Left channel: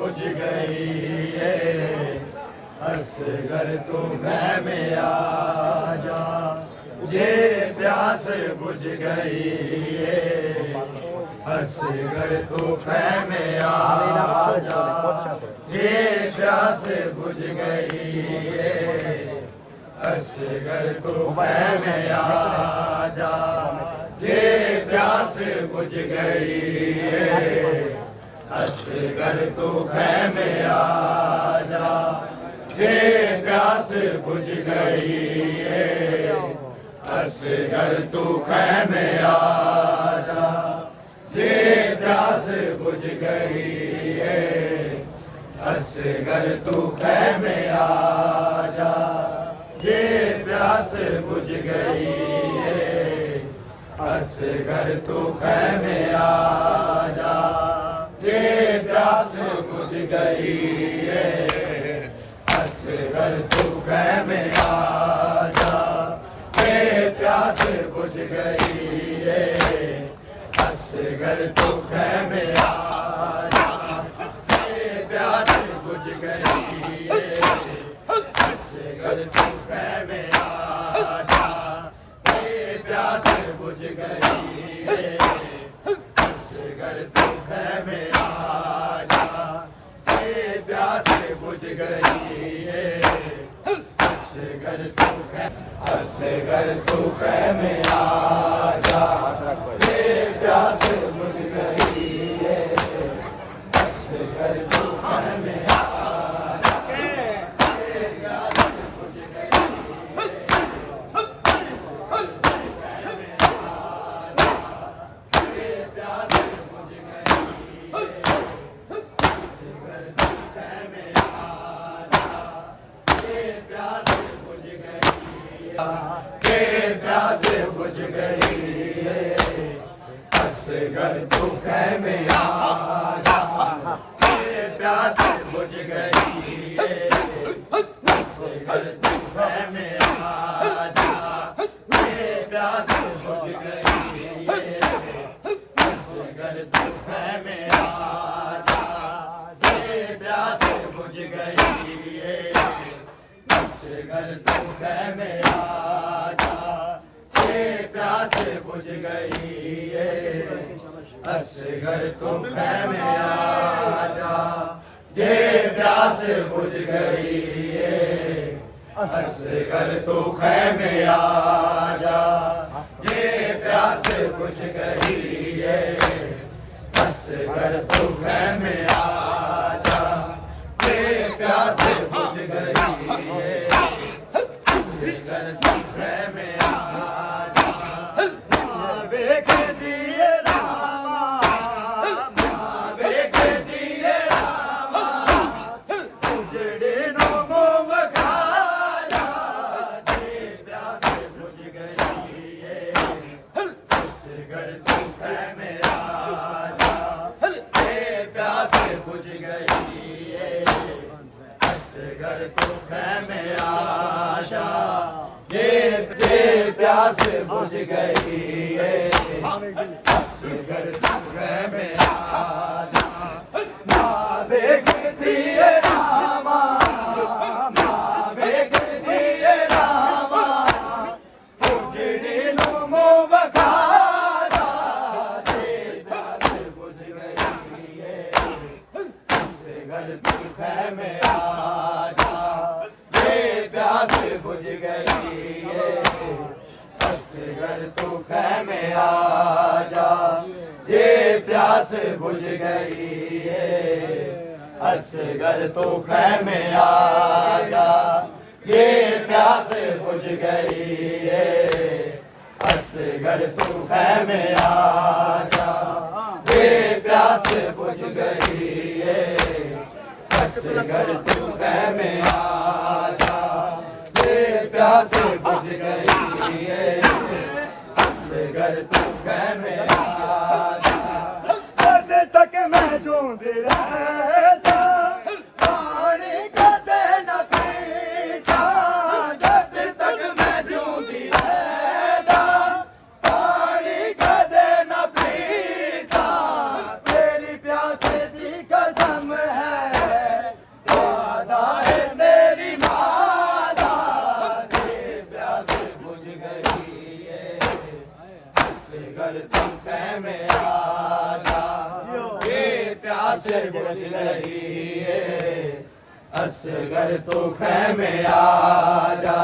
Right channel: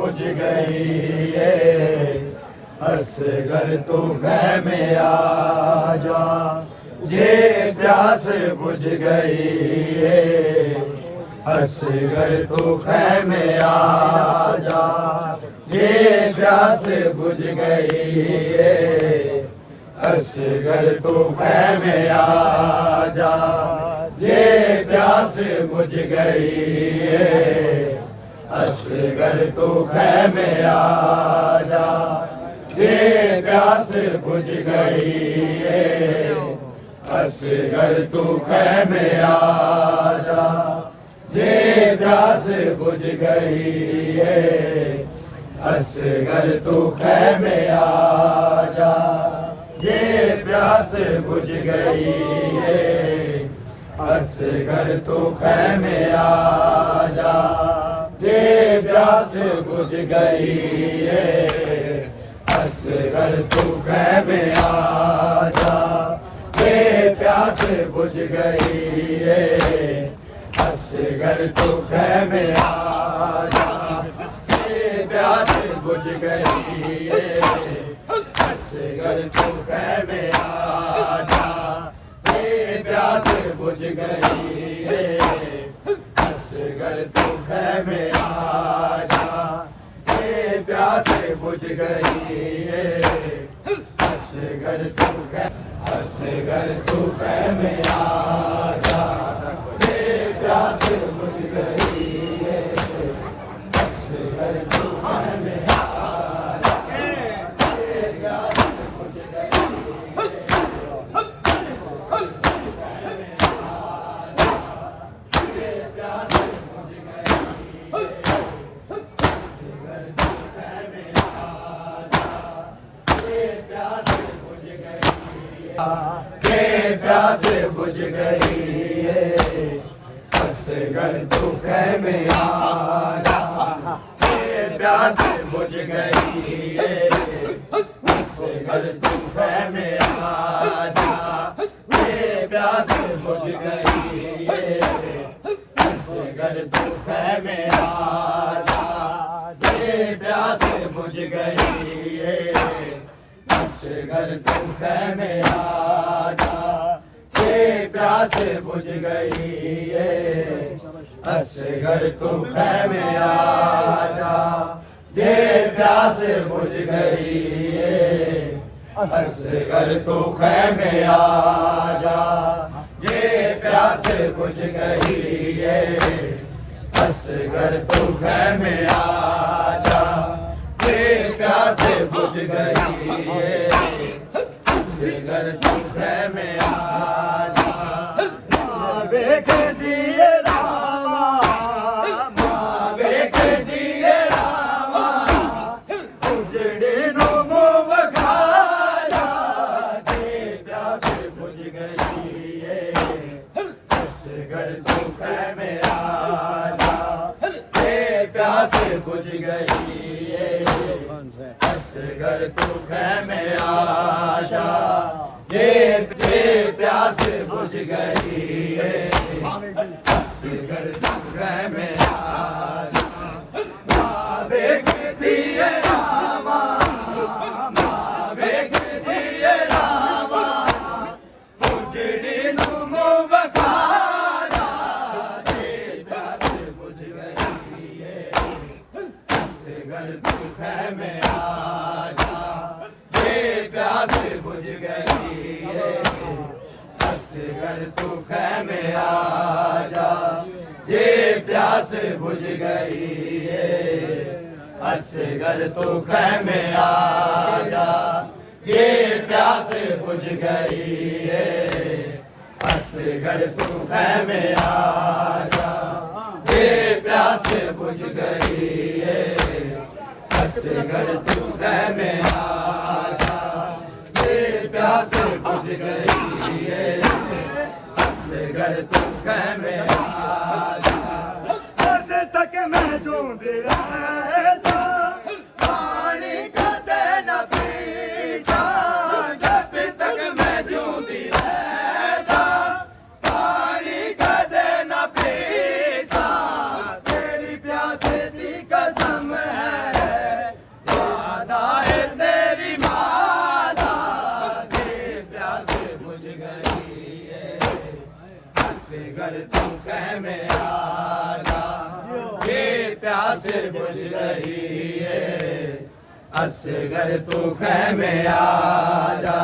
बुझ गई असगर तू मैं में आ जा, ये प्यास बुझ गई असगर तू मैं में आ जा, ये प्यास बुझ गई असगर तू मैं में आ जा, ये प्यास बुझ गई असगर तू खैमे आ जा, ये प्यास बुझ गई असगर तू खैमे आ जा, ये प्यास बुझ गई असगर तू खैमे आ जा, ये प्यास बुझ गई असगर तू खैमे आ जा, ये प्यास बुझ गई असगर तू खैमे आ जा, ये प्यास बुझ गई असगर तू खैमे आ जा, ये प्यास बुझ गई असगर तू खैमे आ जा, ये प्यास बुझ गई असगर तू खैमे आ जा, ये प्यास बुझ गई असगर तू खैमे आ जा, ये प्यास बुझ गई असगर तू खैमे आ जा, ये प्यास बुझ गई प्यास बुझ गई असगर तू खैमे आ जा, प्यास बुझ गई असगर तू खैमे आ जा, ये प्यास बुझ गई असगर तू खैमे आ जा, ये प्यास बुझ गई असगर तू खैमे आ जा, ये प्यास बुझ गई असगर तू खैमे आ जा, ये प्यास बुझ गई असगर तू खैमे आ जा, ये प्यास बुझ गई असगर तू खैमे आ जा, ये प्यास बुझ गई असगर तू खैमे आ जा, ਵੇਖਦੀ ਏ ਰਾਮਾ ਮਾਂ ਵੇਖਦੀ ਏ ਰਾਮਾ ਉਜੜੇ ਨੂੰ ਮੂੰਹ ਵਖਾਇਆ ਤੇ ਪਿਆਸ ਬੁਝ ਗਈ ਏ ਉਸ ਘਰ ਤੂੰ ਹੈ ਮੇਰਾ ਤੇ ਪਿਆਸ ਬੁਝ ਗਈ ਏ ਉਸ ਘਰ ਤੂੰ ਹੈ ਮੇਰਾ ये प्यास बुझ गई घर मेरा देखती है रामा देखती है रामा उजड़ी नुमो बखारा प्यास बुझ गई घर घर मेरा प्यास बुझ गई घर तू कै में आ जा ये प्यास बुझ गई असगर तू कै में आ जा ये प्यास बुझ गई असगर तू कै में आ जा ये प्यास बुझ गई असगर तू कै में आ जा प्यास बुझ गई घर तू में आज तक मैं जूंद रहता पानी कदे न पीसा जब तक मैं जूंद रहता पानी कदे न पीसा तेरी प्यास की कसम है वादा है तेरी माता प्यास बुझ गई घर तू कह में आ जा ये प्यास बुझ गई असगर तू कह में आ जा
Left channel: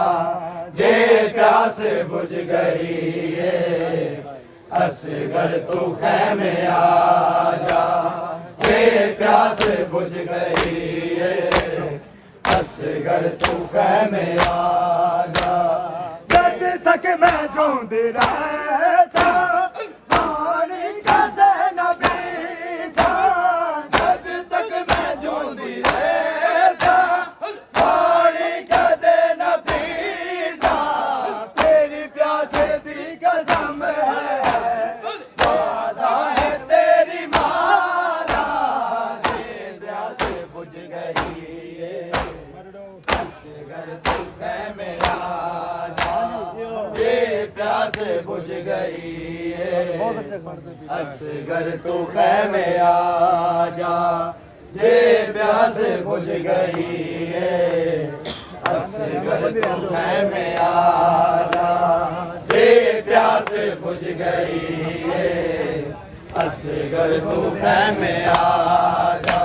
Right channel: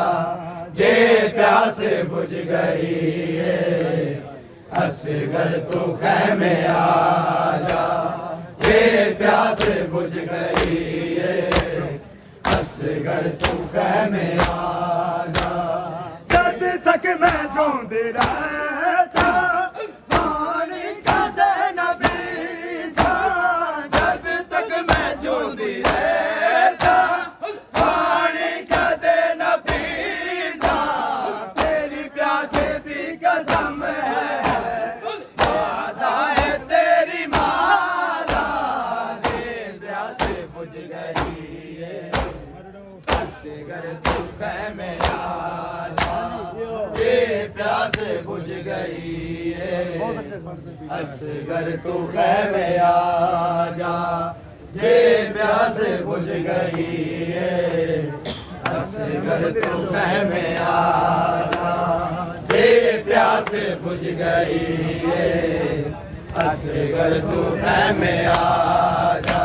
ये प्यास बुझ गई असगर तू कह में आ जा ये प्यास बुझ गई असगर तू कह में आ जा जब तक मैं जूंद रहता पानी कदे न पीसा जब तक मैं जूंद रहता पानी कदे न पीसा तेरी प्यास की कसम है वादा है तेरी माता ये प्यास बुझ गई घर तू कह मेरा ये प्यास बुझ गई असगर तू कह में आ जा ये प्यास बुझ गई असगर तू कह में आ जा ये प्यास बुझ गई असगर तू कह में आ जा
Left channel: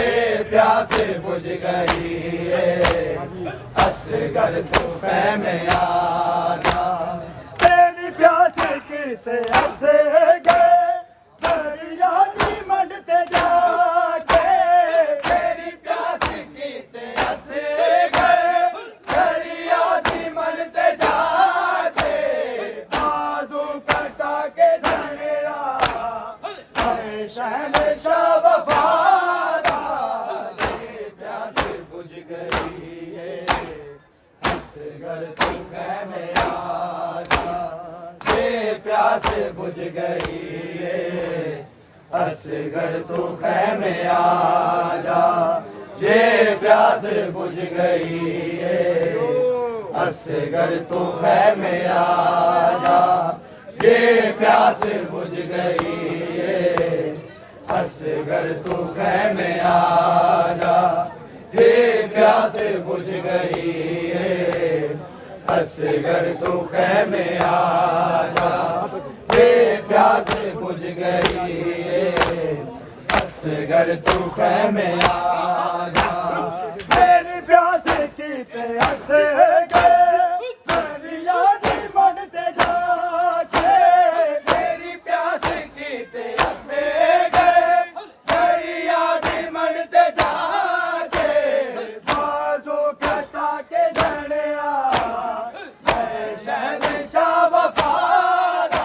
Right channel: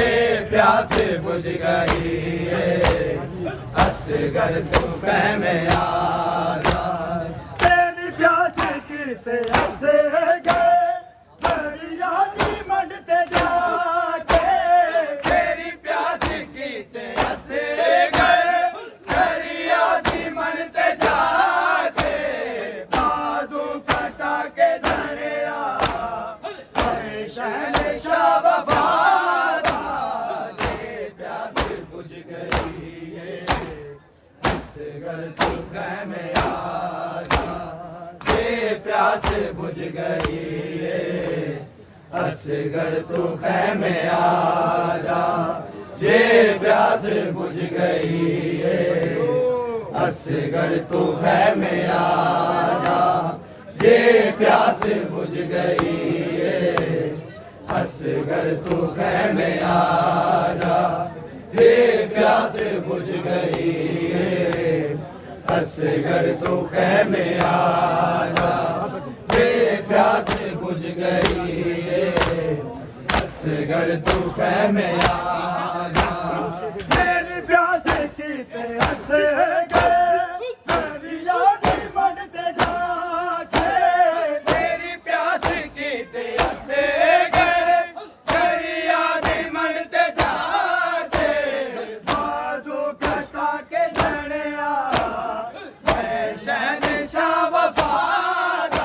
ये प्यास बुझ गई असगर तू कह में आ जा तेरी प्यास किते ऐसे गए दरिया दी मंडते जाके तेरी प्यास किते ऐसे गए दरिया दी मंडते जाके बाजू कटा के धड़िया शहनशाह वफादार ये प्यास बुझ गई असगर तू कह में आ जा ये प्यास बुझ गई असगर तू कह में आ जा ये प्यास बुझ गई असगर तू कह में आ जा ये प्यास बुझ गई असगर तू कह में आ जा ये प्यास बुझ गई असगर तू कह में आ जा ये प्यास बुझ गई असगर तू कह में आ जा मेरी प्यास की प्यास गए दरिया दी मंडते जाके तेरी प्यास की प्यास गए दरिया दी मंडते जाके बाजू कटा के धड़िया शहनशाह वफादार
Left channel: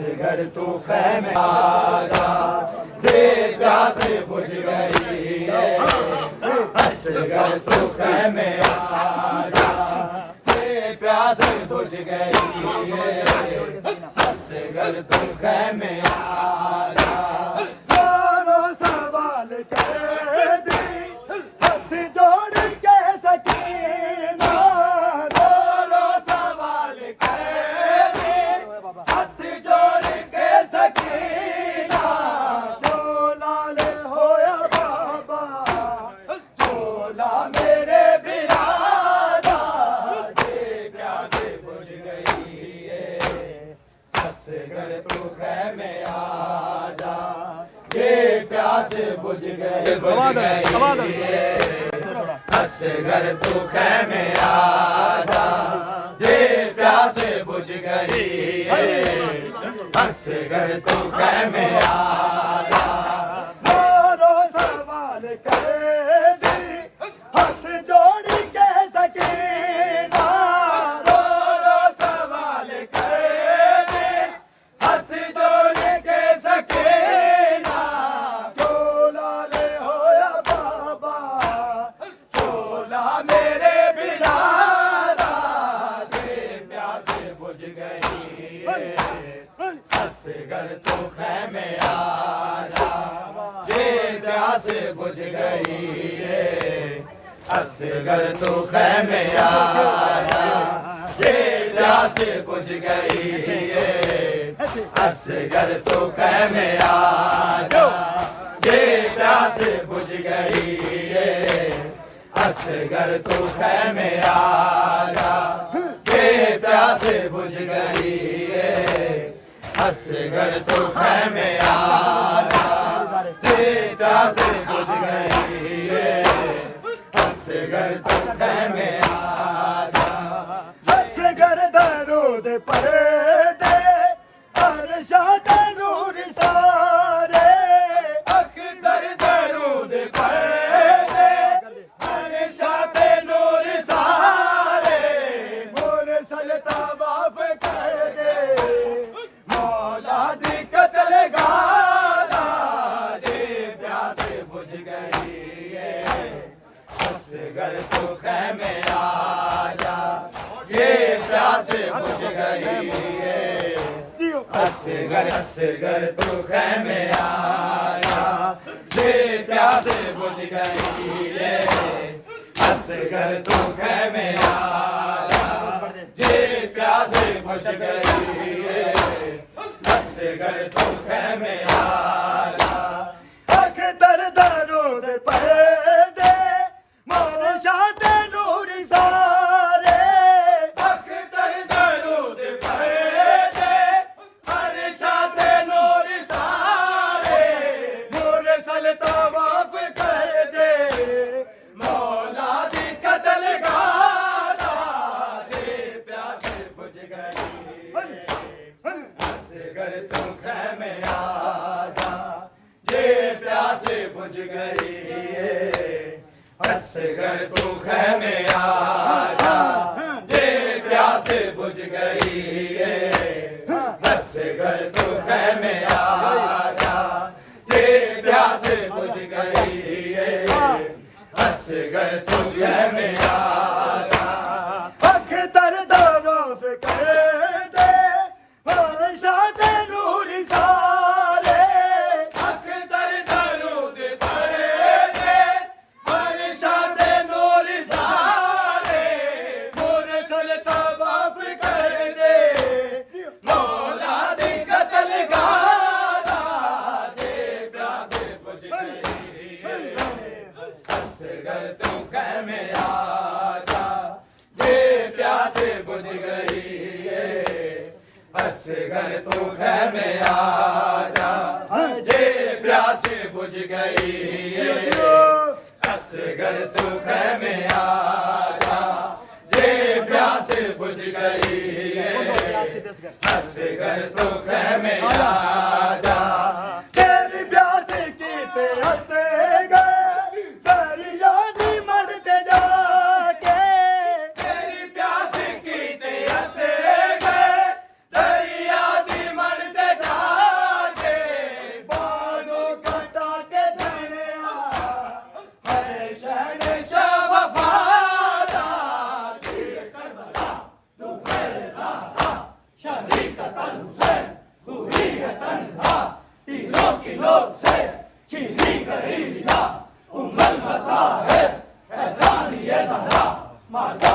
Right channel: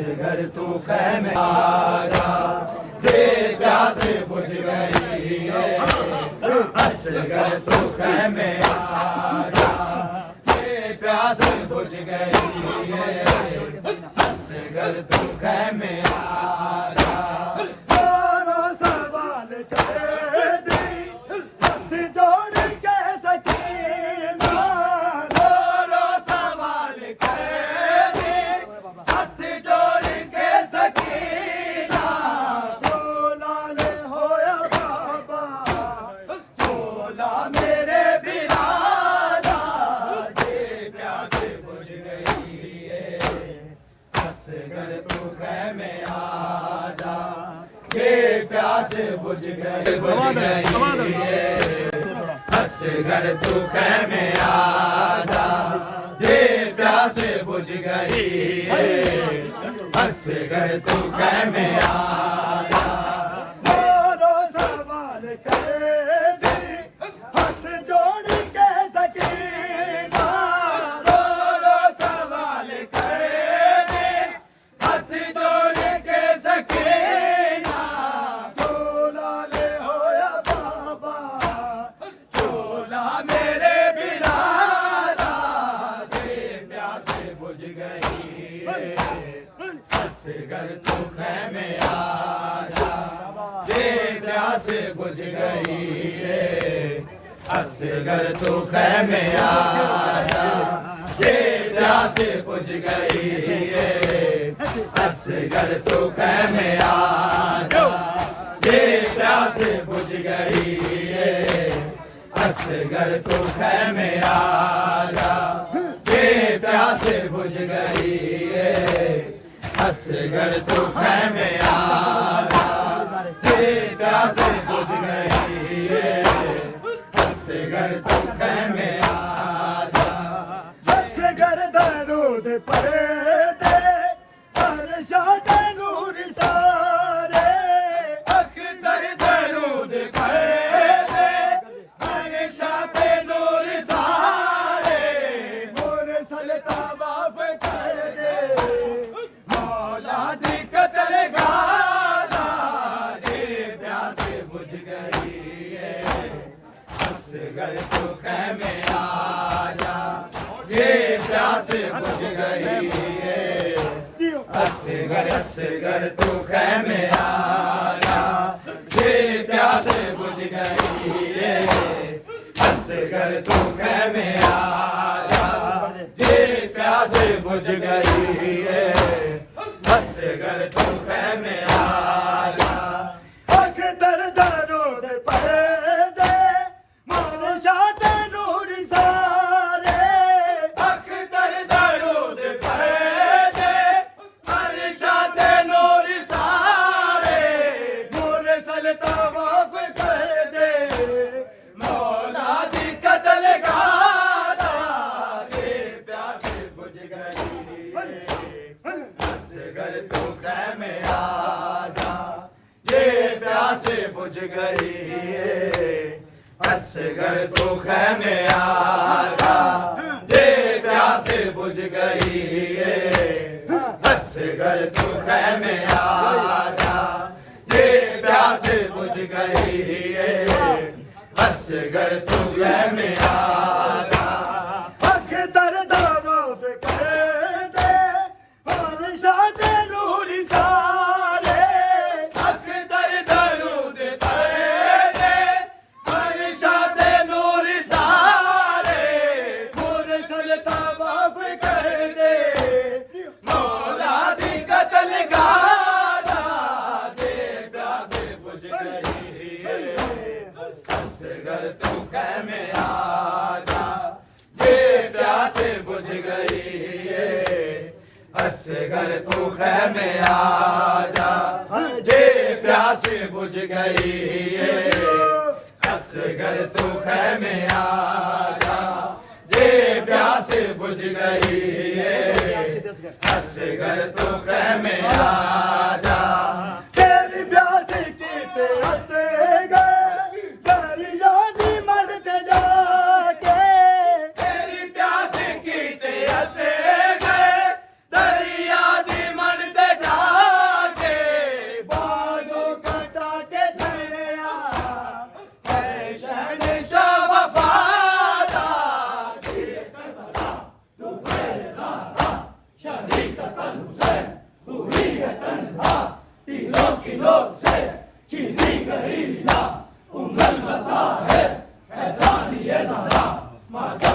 असगर तू खैमे आजा, ये प्यास बुझ गई है। असगर तू खैमे आजा, ये प्यास बुझ गई है। असगर तू खैमे आजा। दोनों सवाल कर दी, हाथ जोड़ के सकीना। दोनों सवाल कर दी, हाथ जोड़ के सकीना। बोला ले होया बाबा, बोला मेरे बिरादा, ये प्यास बुझ गई है। असगर तू खैमे आजा, ये प्यास बुझ गई है। असगर तू खैमे आजा, ये प्यास बुझ गई है। असगर तू खैमे आजा। मारो सवाल कर दी, हाथ जोड़ के सकीना। मारो सवाल कर दी, हाथ जोड़ के सकीना। चोला ले होया बाबा, चोला मेरे बिरादा, ये प्यास बुझ गई है। असगर तू खैमे आजा, ये प्यास बुझ गई है। असगर तू खैमे आजा, ये प्यास बुझ गई है। असगर तू खैमे आजा, ये प्यास बुझ गई है। असगर तू खैमे आजा, ये प्यास बुझ गई है। असगर तू खैमे आजा, ये प्यास बुझ गई है। असगर तू खैमे आजा। असगर दरूद पढ़ते, अरशद नूर सारे। असगर दरूद पढ़ते, अरशद नूर सारे। मोर सलता बाफ कर दे, मौला दी कतल गाना, ये प्यास बुझ गई है। असगर तू खैमे आजा, ये प्यास बुझ गई है। असगर तू खैमे आजा, ये प्यास बुझ गई है। असगर तू खैमे आजा, ये प्यास बुझ गई है। असगर तू खैमे आजा। अख्तर दरूद पढ़ते, मनशात नूर सारे। अख्तर दरूद पढ़ते, मनशात नूर सारे। मोरे सलता माफ कर दे, मौला दी कतल गाना, ये प्यास बुझ गई है। असगर तू खैमे आजा, ये प्यास बुझ गई है। असगर तू खैमे आजा, ये प्यास बुझ गई है। असगर तू खैमे आजा, ये प्यास बुझ गई है। असगर तू खैमे आजा। अख्तर दरूद पढ़ते, अरशद नूर सारे। अख्तर दरूद पढ़ते, अरशद नूर सारे। मोर सलता बाफ कर दे, मौला दी कतल गाना, ये प्यास बुझ गई है। असगर तू खैमे आजा, ये प्यास बुझ गई है। असगर तू खैमे आजा, ये प्यास बुझ गई है। असगर तू खैमे आजा, ये प्यास बुझ गई है। असगर तू खैमे आजा, तेरी प्यास की प्यास दरिया दी मदद जाके। तेरी प्यास की प्यास दरिया दी मदद चीनी गई ला उंगल बसा है एहसान ये ज़हरा माता